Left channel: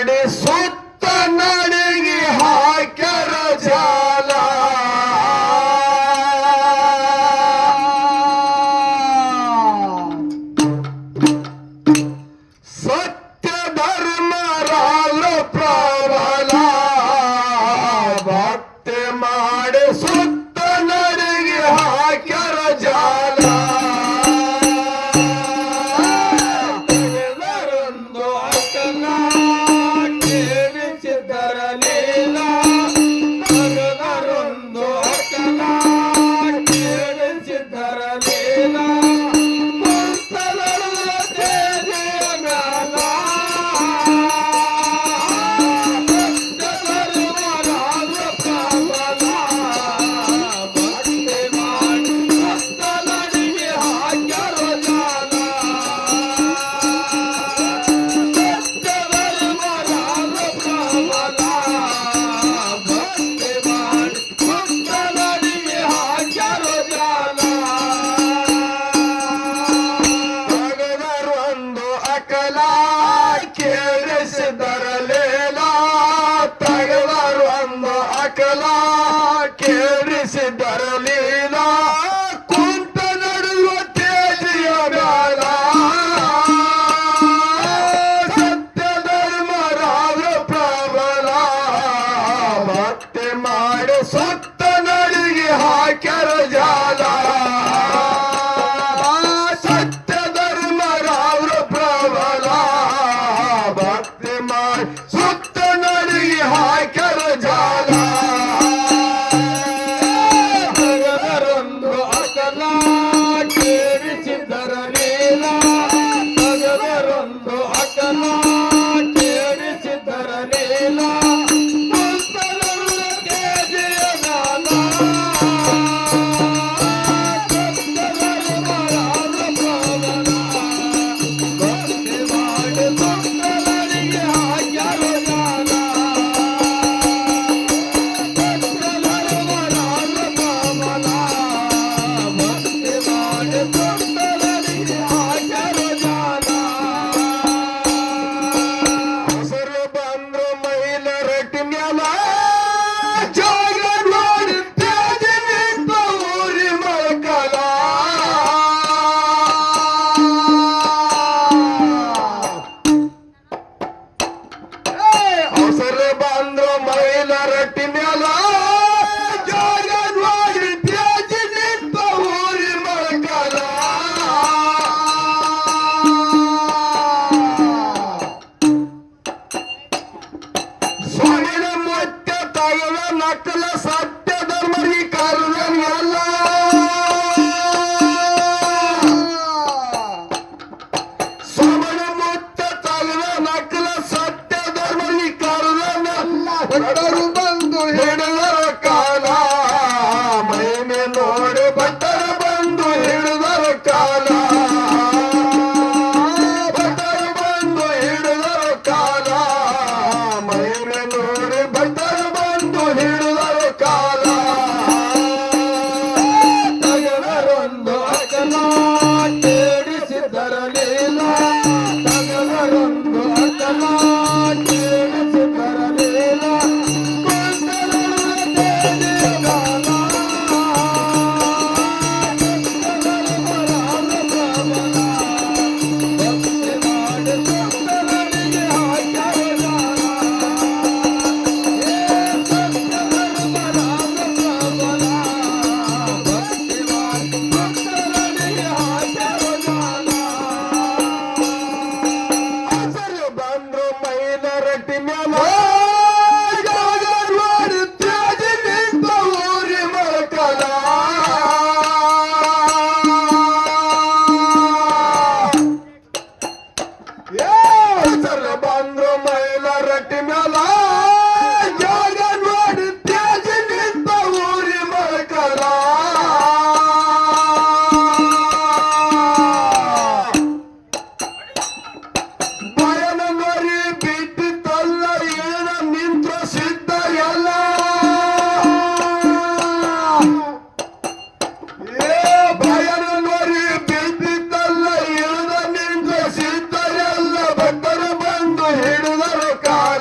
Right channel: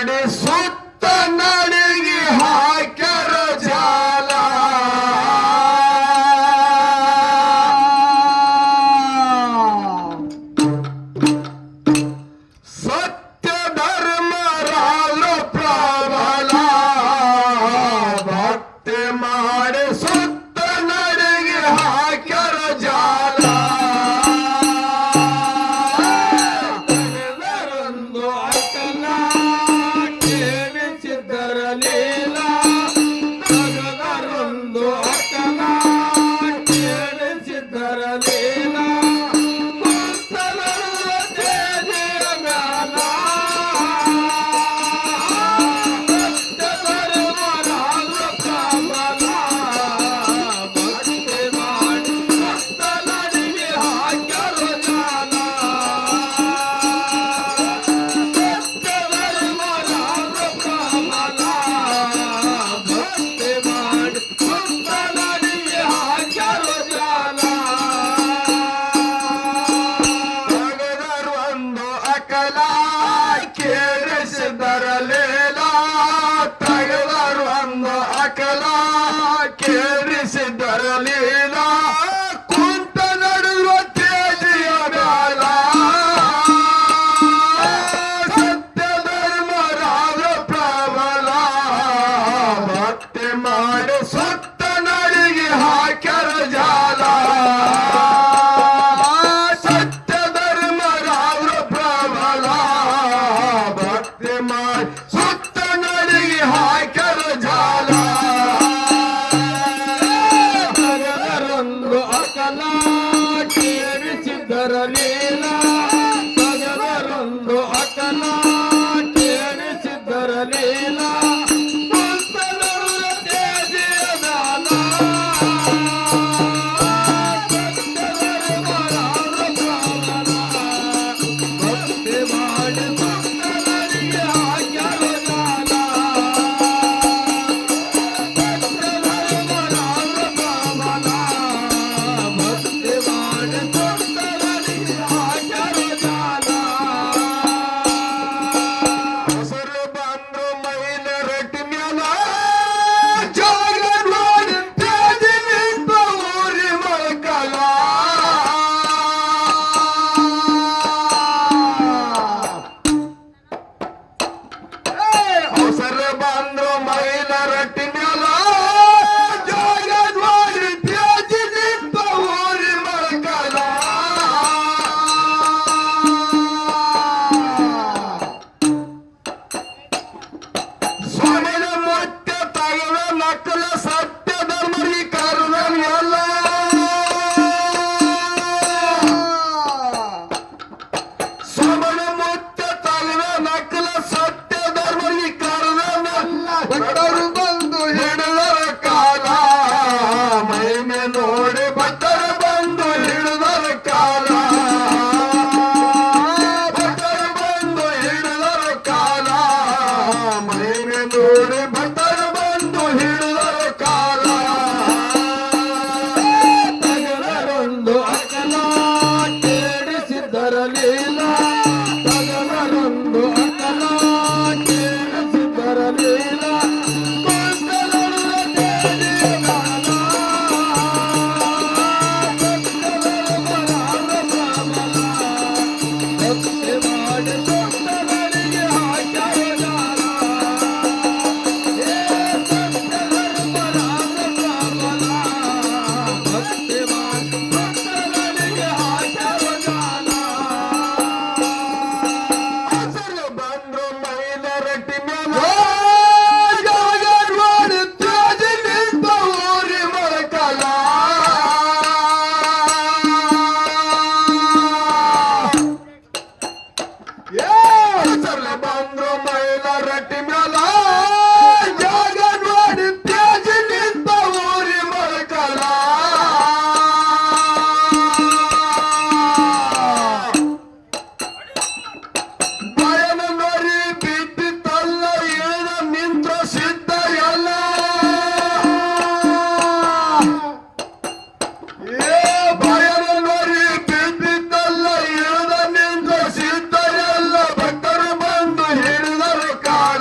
ಮಾಡಿ ಸುತ್ತ ನಡಿಗೆ ಹಾಕ್ಯಾರ ಜಾಲ ಸತ್ಯ ಧರ್ಮ ರಾಜ ಪ್ರಬಲ ಭಕ್ತಿ ಮಾಡಿ ಸುತ್ತ ನಡಿಗೆ ಹಾಕ್ಯಾರ ಜಾಲ ಅಕಲ ಕೇಳಿಸಿದರಲಿಲ್ಲ ಕುಂತ ನಡುವ ತೇಜಿಯ ಬೇಡ ಸತ್ಯ ಧರ್ಮ ರಾಜ ಪ್ರಬಲ ಭಕ್ತಿ ಮಾಡಿ ಸತ್ತ ನಡಿಗೆ ಹಾಕ್ಯಾರ ಜಾಲ ಸತ್ಯ ಧರ್ಮ ರಾಜ ಪ್ರಬಲ ಭಕ್ತಿ ಮಾಡಿ ಸತ್ತ ನಡಿಗೆ ಹಾಕ್ಯಾರ ಜಾಲ ಬಂದ್ರು ಮೈಲ ರಟ್ಟಿ ಮ್ಯಾಲ ಜಾಗ ಮಾಡಿ ತ್ಯಾಜಿ ನಿಂತ ಊರಿ ಮಳಕಲ ಸ್ವಮನ ಮಟ್ಟ ತಗಲ ನಕಲ ಸತ್ಯ ಧರ್ಮರಿಗೆ ಕಾರಣ ಎಲ್ಲ ಸ್ವಮನ ಮಟ್ಟ ತಗಲ ನಕಲ ಸತ್ಯ ಧರ್ಮರಿಗೆ ಭಕ್ತರು ಬಂದು ಹಿಡಿದರ ಕಾಲ ಮೈಮೆ ನೋಡಿ ಭಕ್ತರು ಬಂದು ಹಿಡಿದರ ಕಾಲ ಭಕ್ತರು ಬಂದು ಹಿಡಿದರ ಕಾಲ ಮೈಮೆ ನೋಡಿ ಭಕ್ತರು ಬಂದು ಹಿಡಿದರ ಕಾಲ ತಗಲರೊಂದು ಅಕಲ ಕೇಳಿಸಿದರಲಿಲ್ಲ ತಗಲರೊಂದು ಅಕಲ ಬಂದ್ರು ಮೈಲ ರಟ್ಟಿ ಮೇಲ ಜಾಗ ನೋಡಿ ತ್ಯಾಜಿ ನಿಂತ ಊರಿ ಮಳಕಲ ಬಯಲ ನರಿ ಬಿದ್ದಿತ್ತಲ್ಲ ಏನ ನಿಂತ ಸಿದ್ಧ ಎಲ್ಲ ಬಯಲ ನರಿ ಬಿದ್ದಿತ್ತಲ್ಲ ಏನ ನಿಂತ ಸಿದ್ಧ ಎಲ್ಲ ಭಕ್ತರು ಬಂದು ಹಿಡಿದರು ಕಾಲ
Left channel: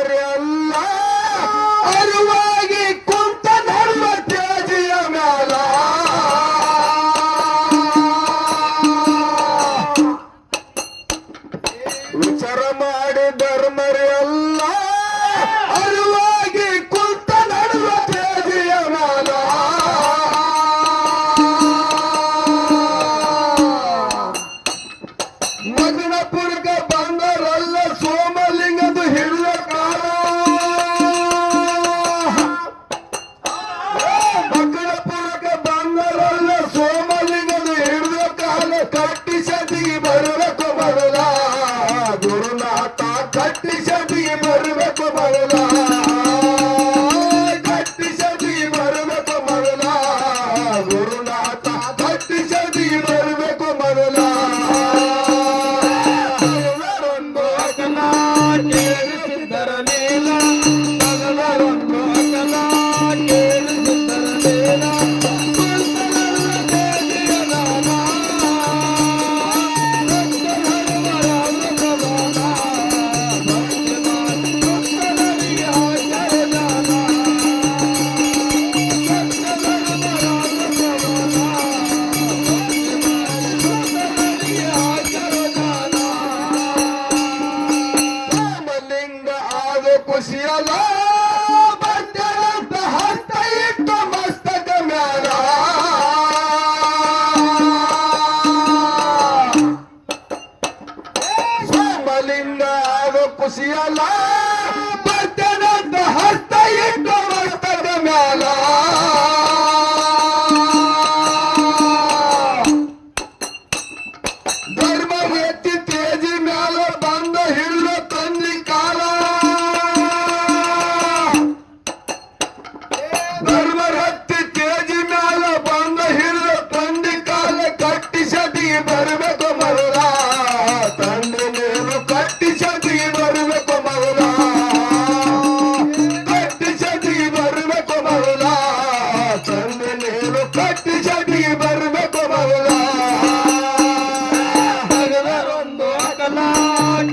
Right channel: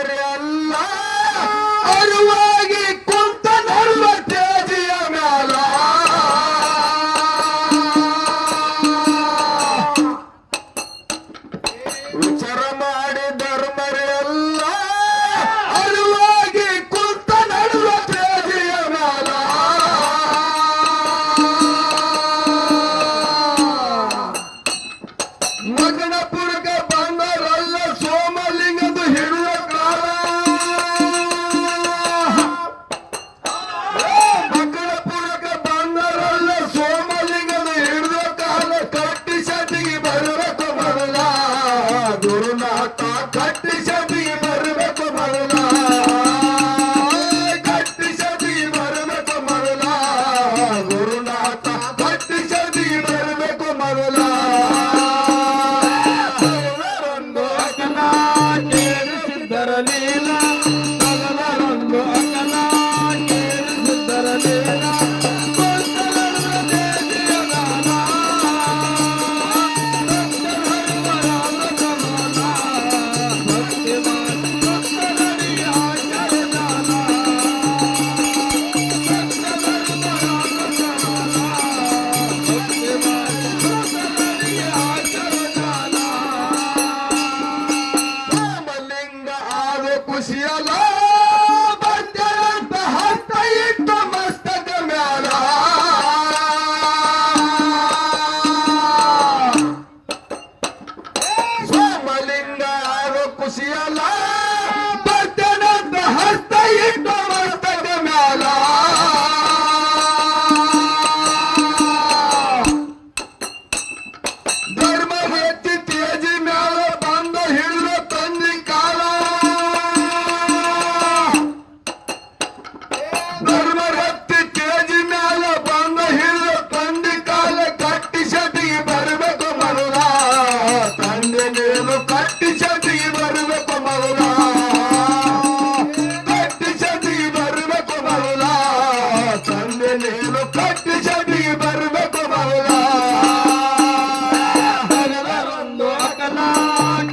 ಧರ್ಮರೆಲ್ಲ ಅರಿವಾಗಿ ಕುಂತ ನನ್ನ ತೇಜಿಯ ಮ್ಯಾಲ ವಿಚಾರ ಮಾಡಿ ಧರ್ಮರೆಲ್ಲ ಅರಿವಾಗಿ ಕುಂತ ನನ್ನ ತೇಜಿಯ ಮ್ಯಾಲ ಮಗನಪುರಕ್ಕೆ ಬಂದರಲ್ಲ ಸೋಮಲಿಂಗದ ಹಿಡಿದ ಕಾಲ ಮಗನಪುರಕ್ಕೆ ಬಂದರಲ್ಲ ಸೋಮಲಿಂಗದ ಹಿಡಿದ ಕಾಲ ಕಟ್ಟಿ ಸತಿಗೆ ಬರಬೇಕು ಮೊದಲ ಗುರುನಾಥ ಕಟ್ಟಿ ಸತಿಗೆ ಬರಬೇಕು ಮೊದಲ ಕಟ್ಟಿ ಸತಿಗೆ ಬರಬೇಕು ಮೊದಲ ಗುರುನಾಥ ಕಟ್ಟಿ ಸತಿಗೆ ಬರಬೇಕು ಮೊದಲ ಸೋಮಲಿಂಗ ಆದ ಖುಷಿಯಲ್ಲ ಬಂದರಂತ ಹತ್ತ ಇಟ್ಟು ಮಸ್ತಕ ಮ್ಯಾಲ ಸೋಮಲಿಂಗ ಆದ ಖುಷಿಯಲ್ಲ ಬಂದರಂತ ಹತ್ತ ಇಟ್ಟು ಮಸ್ತಕ ಮ್ಯಾಲ ಧರ್ಮ ಹೆಚ್ಚಿ ತೇಜಿ ಮ್ಯಾಲ ಬಂದ ಹಿಡಿದ ತಂದಿ ಕಾಲ ಧರ್ಮ ಹತ್ತಿ ತೇಜಿ ಮ್ಯಾಲ ಬಂದ ಹಿಡಿದ ತಂದಿ ಕಾಲ ಕಟ್ಟಿ ಸತಿಗೆ ಬರಬೇಕು ಮರಲ ತಂದೆ ನೀನು ಕಟ್ಟಿ ಸತಿಗೆ ಬರಬೇಕು ಮರಲ ಕಟ್ಟಿ ಸತಿಗೆ ಬರಬೇಕು ಮರಲ ತಂದೆ ನೀನು ಕಟ್ಟಿ ಸತಿಗೆ ಬರಬೇಕು ಮರಲ ಹಗಲರೊಂದು ಅಗಲ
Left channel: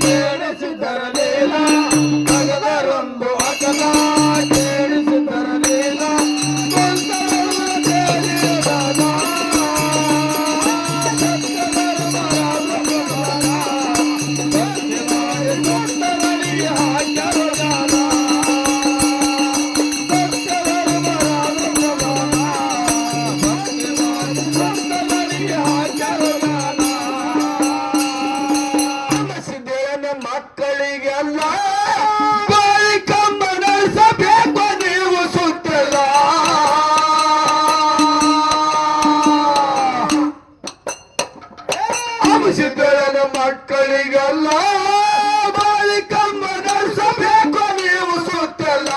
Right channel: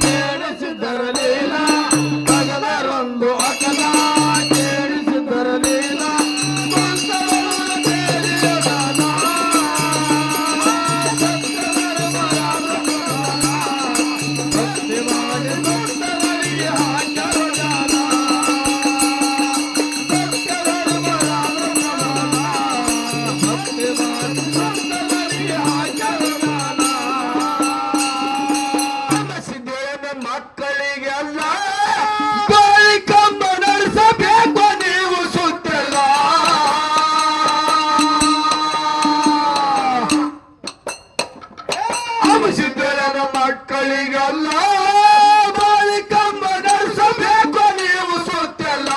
ಕೇಳಿಸಿದರಲಿಲ್ಲ ಹಗಲರೊಂದು ಅಗಲ ಕೇಳಿಸಿದರಲಿಲ್ಲ ಸಿದ್ದೇನ ಮಕ್ಕಳಿಗೆಲ್ಲ ಬಾಳಿಕಮ್ಮ ನಡೆಸಬೇಕು ನೀವು ಸುತ್ತಿಲ್ಲ ಸಿದ್ದೇನ ಮಕ್ಕಳಿಗೆಲ್ಲ ಬಾಳಿಕಮ್ಮ ನಡೆಸಬೇಕು ನೀವು ಸುತ್ತಿಲ್ಲ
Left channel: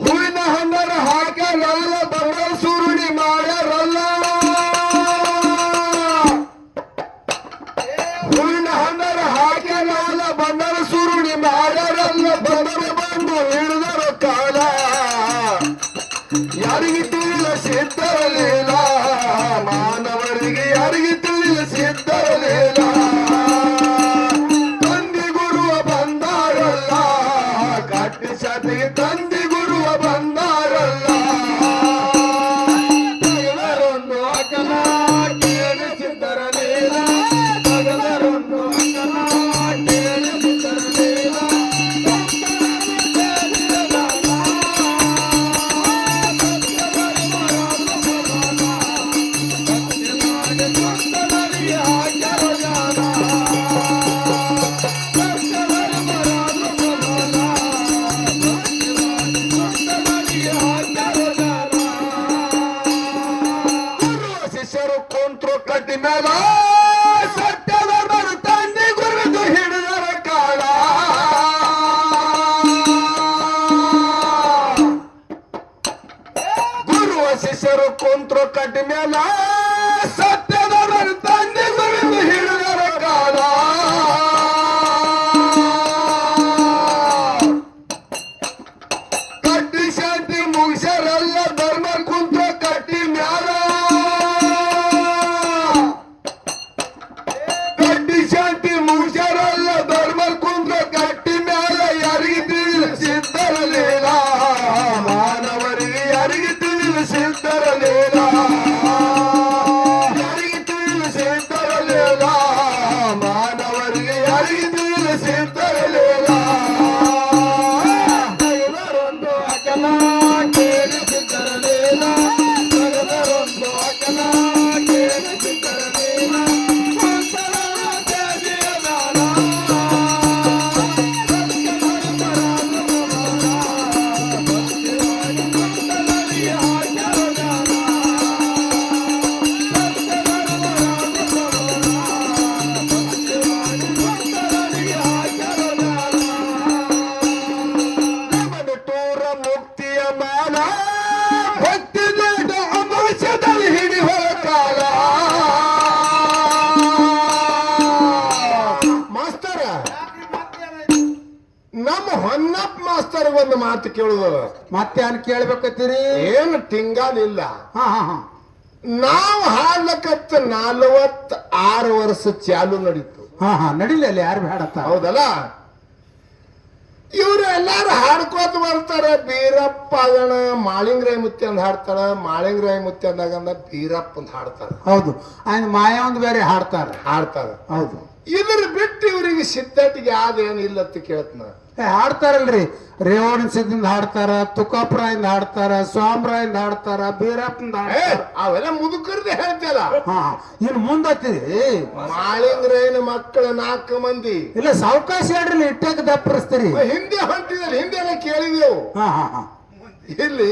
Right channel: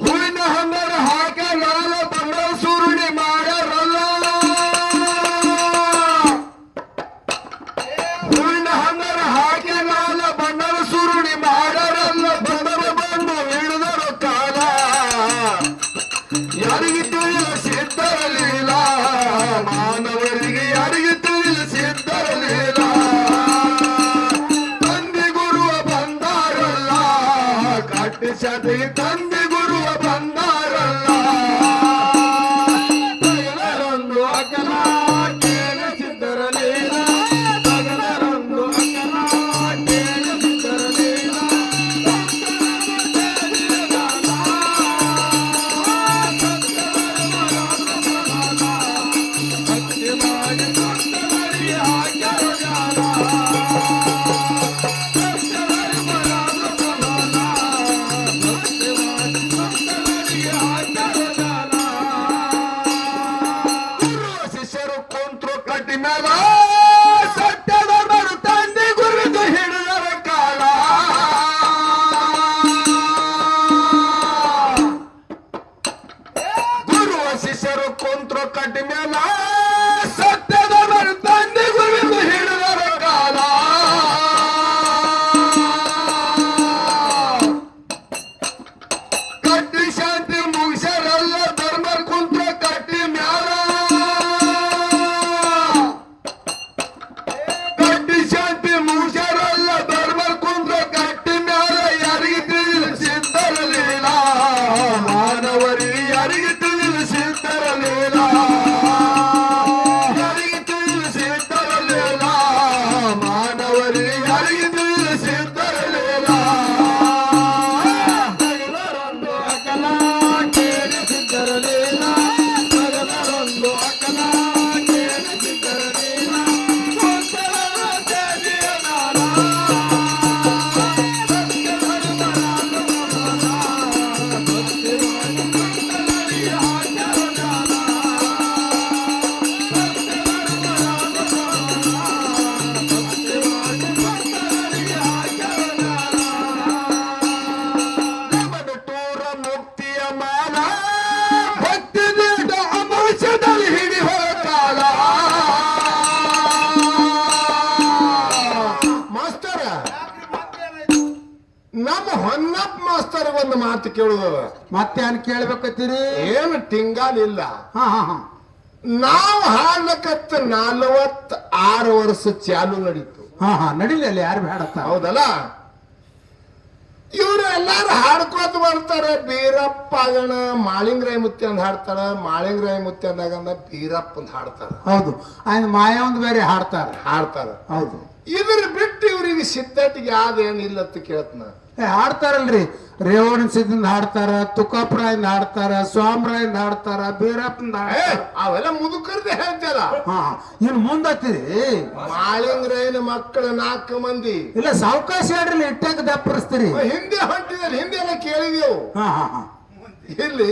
ಹೂವಿನ ಹಣ್ಣರ ಹಾಕಲ್ಲ ಬಂದ ಸುರುಣಿ ಮಾಡ್ಯಾರಲ್ಲ ಹೂವಿನ ಹಣ್ಣರ ಹಾಕಲ್ಲ ಬಂದರ ಸುರುಣಿ ಮಾಡ್ಯಾರಲ್ಲ ಬಂದರ ಬಂದು ಹಿಡಿದರ ಕಾಲ ಯಾರಿಗೆ ತಿಳಿದ ಸಿದ್ಧರಲಿಲ್ಲ ಮಾನವರಿಗೆ ಯಾರಿಗೆ ತಿಳಿದ ಸಿದ್ಧರಲಿಲ್ಲ ತಂದೆ ಗುರುವ ಬಂದಾರಲ್ಲ ಕಟ್ಟಿ ಸತಿ ತಂದೆ ಗುರುವ ಬಂದಾರಲ್ಲ ಹಗಲರೊಂದು ಅಗಲ ಕೇಳಿಸಿದರಲಿಲ್ಲ ಹಗಲರೊಂದು ಅಗಲ ಕೇಳಿಸಿದರಲಿಲ್ಲ ಶಿಷ್ಯರು ಕೊಂತ್ರು ಕಟ್ಟಿನಾಗ ಸತ್ಯದ ಬರು ತಂದೆ ಗುರುದು ಹಿಡಿದರ ಕಾಲ ಗುರು ಶಿಷ್ಯರು ಕೊಂತ್ರು ಕಟ್ಟಿನ ಸತ್ಯದ ಬರು ತಂದೆ ಗುರುದು ಹಿಡಿದರ ಕಾಲ ಕಟ್ಟಿ ಶಾಂತಿ ಮುಗಿಸರಲ್ಲ ಧರ್ಮ ಕುಂತ್ರ ಕಟ್ಟಿ ಮ್ಯಾಲ ದೇವರಿಗೆ ಯಾರಿಗೆ ತಿಳಿಸಿದ್ದರಲಿಲ್ಲ ತಗದರೊಂದು ಅಕಲ ಕೇಳಿಸಿದ್ದರಲಿಲ್ಲ ತಗದರೊಂದು ಅಕಲ ಕೇಳಿಸಿದ್ದರಲಿಲ್ಲ ನಮ್ಮ ಹೊನ್ನಪ್ಪ ಮಾಸ್ತರ್ ಒಂದು ಮಾತು ಕೇಳುದು ಮತ್ತೆ ಏನ್ ಕೇಳ್ಬೇಕತ್ತೀರಿ ಏನು ಟಿಂಗಾಲಿಲ್ಲ ಹಾ ಹಾ ಹಾ ನಾವು ಹಾಡ್ಲಕತ್ತ 46 ವರ್ಷ ಚಾಲು ನಡೀತು ಹಾ ಹಾ ನಡಿಲಿ ಅಲ್ಲಿ ಯಾರು ಬೇಡತ್ತ ಹೌದಲ್ಲ ಇವ್ರು ಎಲ್ಲಾರು ಹಾಡ್ಕೋತ ಬರ್ತಾರ ಬೀರಪ್ಪ ಅದಣ ಮಾಳಿಂಗರಾಯ ಮುತ್ತಿ ಅಂದ್ ಹಾಡ್ತಾರ ಮಾಳಿಂಗರಾಯ ಮುತ್ತಿ ಅಂದಾಗಂದ ಬೀರಪ್ಪ ಅಂತ ಹಾಡ್ತಾರ ಹೌದು ಆಯ್ತು ಮಾಯ ಒಂದು ಬೇರೆ ಹಾಡ್ತಾರ ಹೌದು ಇದ್ರ ಬಿಟ್ಟು ಇವ್ರಿಗೆ ಸಿದ್ಧಟಿಗೆ ಯಾವ್ದೇನಿಲ್ಲ ಅಂತ ಕೇಳ್ತನ ಹಾಡ್ತಾರಲ್ರಿ ರೇವಣ ಸಿದ್ದಿಂದ ಹಾಡ್ತಾರ ತುಕಾಪುರಾಯಿಂದ ಹಾಡ್ತಾರ ಸ್ವಾಮರಾಯಿಂದ ಹಾಡ್ತಾರ ಬೀರಪ್ಪಂದ ಅವೆಲ್ಲ ಮುದುಕರ್ದೆ ಹೇಳ್ತಾರ ಹಾ ಇನ್ ಮುಂದತ್ತೀರಿ ಮಾಳಿಂಗರಾಯನ ಮಕ್ಕಳ 4 ಮಂದಿ ಇಲ್ಲ ಸಾವಕಾಶ ಹೇಳ್ರಿ ಇಟ್ಟಾಗ ದಪ್ಪರಿಸ್ತೀರಿ ಹಿಂದೆ ಹೊಂಟಿದಲ್ಲಿ ಹಿಂದೆ ಎಲ್ಲ ಕೇಳಿದೆವು ಹಾ ಹಾ ಹಾ ಇಲ್ಲಿ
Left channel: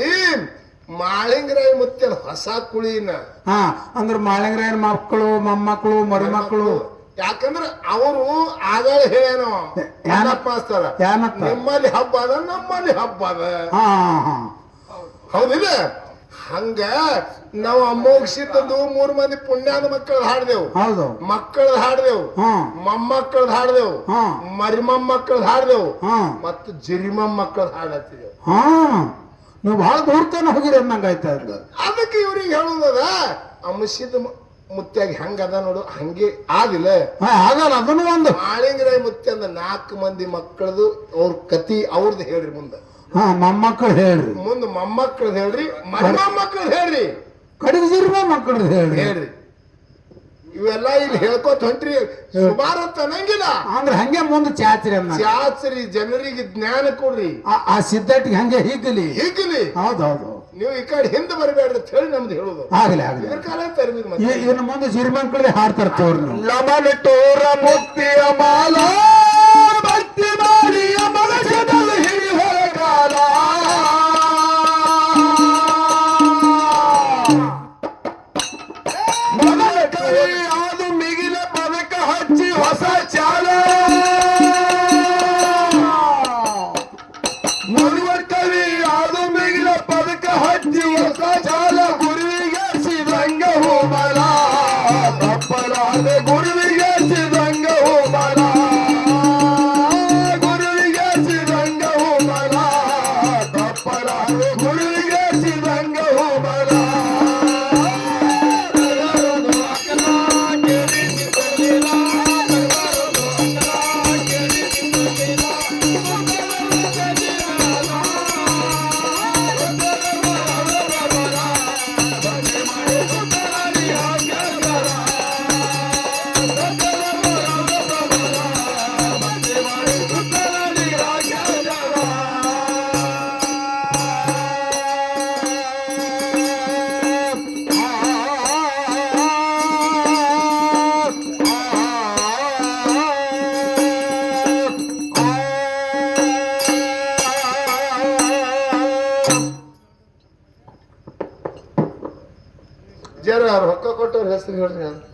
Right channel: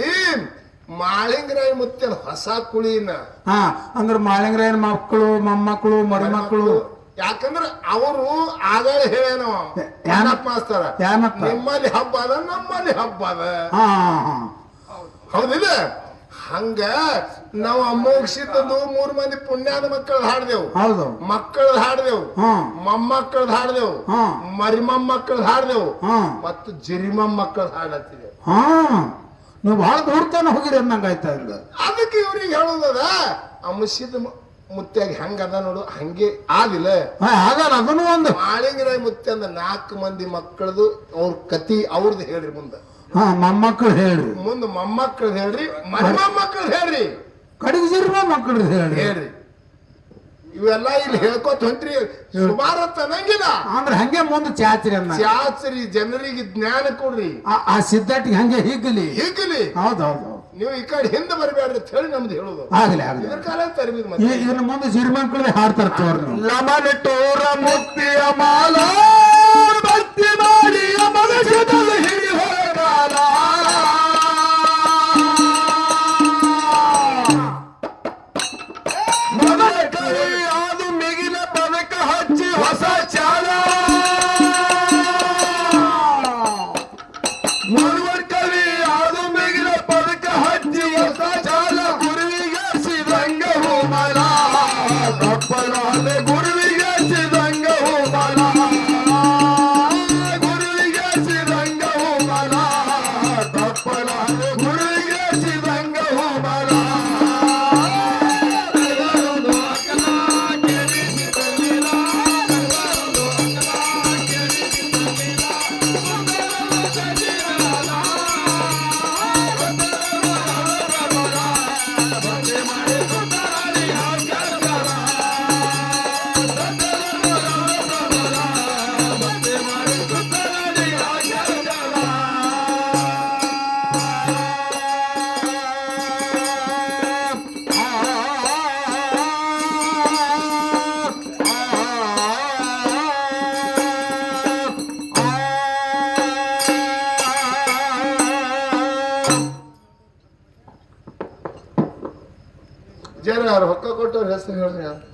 ಮಾಳಿಂಗರಾಯ ಮುತ್ತಿನ ಹೊಸ ಕುಳಿನ ಹಾ ಅಂದ್ರ ಮಾಳಿಂಗರಾಯನ ಮಕ್ಕಳು ಮೊಮ್ಮಕ್ಕಳು ಮರಿಮಕ್ಕಳು ಯಾಕಂದ್ರ ಅವರು ಆಗಳ ಹೇಳೇನೋ ಏನಪ್ಪ ಮಾಸ್ತರ ಏನಪ್ಪ ನಿಮ್ಮಲ್ಲಿ ಹಬ್ಬ ಅದ ನಮ್ಮಲ್ಲಿ ಹಬ್ಬ ಅದ ಹಾ ಹಾ ಹೌದಿಲ್ಲ ಹಂಗ ನಾವು ಅಮೋಘಿಸಿದ್ದು 3 ಮಂದಿ ಪುಣ್ಯಾದ ಮಕ್ಕಳದ್ ಹಾಡ್ದೆವು ಹೌದು ಮಕ್ಕಳದ್ ಹಾಡ್ದೆವು ಮೊಮ್ಮಕ್ಕಳದ್ ಹಾಡ್ದೆವು ಮರಿಮೊಮ್ಮಕ್ಕಳದ್ ಹಾಡ್ದೆವು ಮತ್ತು ಜಿರಿಮೊಮ್ಮಕ್ಕಳದ್ ಹಾಡತ್ತಿದೆವು ನೀವು ಬಹಳ ದೂರ ತನ ಹೋಗಿರಿ ಅನ್ನಂಗಾಯ್ತಾ ಅದಕ್ಕೆ ಇವ್ರಿಗೆ ಹೇಳುದದ ಅಂಶದ ಮುತ್ಯಾಗಿ ಹಂಗದ ನೋಡು ಹಂಗೆ ಆದಿಲ್ಲ ಆಗಲ್ಲ ಅದನ್ನು ಒಂದು ಮಾಳಿಂಗರಾಯ ಮುತ್ಯ ಅಂದ 4 ಮಂದಿ ಮಕ್ಕಳದು ಅವ್ರ ಕತಿ ಅವ್ರದ್ದು ಹೇಳ್ರಿ ಮುಂದ ಮೊಮ್ಮಕ್ಕಳು ಹೇಳ್ರಿ ಮುಂದ ಮೊಮ್ಮಕ್ಕಳದ್ ಹೇಳ್ರಿ ಮರಿಮೊಮ್ಮಕ್ಕಳದ್ ಹೇಳ್ರಿ ಕಡಿಗೆ ಜಿರಿಮ ಮಕ್ಕಳು ಹೇಳ್ರಿ ಇವೆಲ್ಲ ಇಲ್ಲಿ ಹೇಳ್ಕೊತ ಹೊಂಟ್ರಿ ಸುಮಾರ ಅನ್ನಂಗಿಲ್ಲ ಅಂದ್ರೆ ಹಂಗೆ ಮುಂದೆ ಚಾಚ್ರಿ ಅನ್ನ ಚಾಚ್ರಿ ಜನರಿಗೆ ಜ್ಞಾನ ಕೊಡ್ರಿ ಆ ಸಿದ್ಧಾಟಿಗೆ ಹಂಗೆ ಹಿಗ್ಗಲಿ ಹೌದೌದು ನೀವು ಈ ಕಡೆ ಹಿಂದೆ ಬರಬೇಡ್ರಿ ಅಂತ ಹೇಳಿ ನಮ್ದು ಹೇಳುದು ಆಗ್ಲಿ ಆಗ್ಲಿ ಇದ್ರ ಕಾಲ ತರಲಿ ಇದನ್ನ ಮುಂದೆ ಜಿರಿಮಕ್ಕಳೇ ಹಾಡ್ತಾರ ತೋರ್ ಲಮನ ಟೋರ ಮುಕ್ತಿಯ ಮಾಲ ಭಕ್ತಿ ಮಾಡಿ ಮನಸ್ಸದಲ್ಲಿ ಹಿಡಿ ಹೋಗಾಲ ಮನದ ಕೈ ಅದು ಮಿಗಿಲ ಪದಕ ಹಚ್ಚಿ ಹೊಸ ಚಾಲ ಮನದ ಕವಿ ಅದು ಮಿಗಿಲ ಪದಕ ಹಚ್ಚಿ ಹೊಸ ಚಾಲ ಗುರುವಿಗೆ ಸಿದಂಗ ಹೋಮಲ ತಪ್ಪಲಾದ ಗುರುವಿಗೆ ಸಿದಂಗ ಹೋಮಲ ಗುರುವಿಗೆ ಸಿದಂಗ ಹೋಮಲ ತಪ್ಪಲಾದ ಗುರುವಿಗೆ ಸಿದಂಗ ಹೋಮಲ ಜರ ರೊಕ್ಕ ಕೊಟ್ಟವ್ರ ಹೆಸರು ಹೇಳ್ರಿ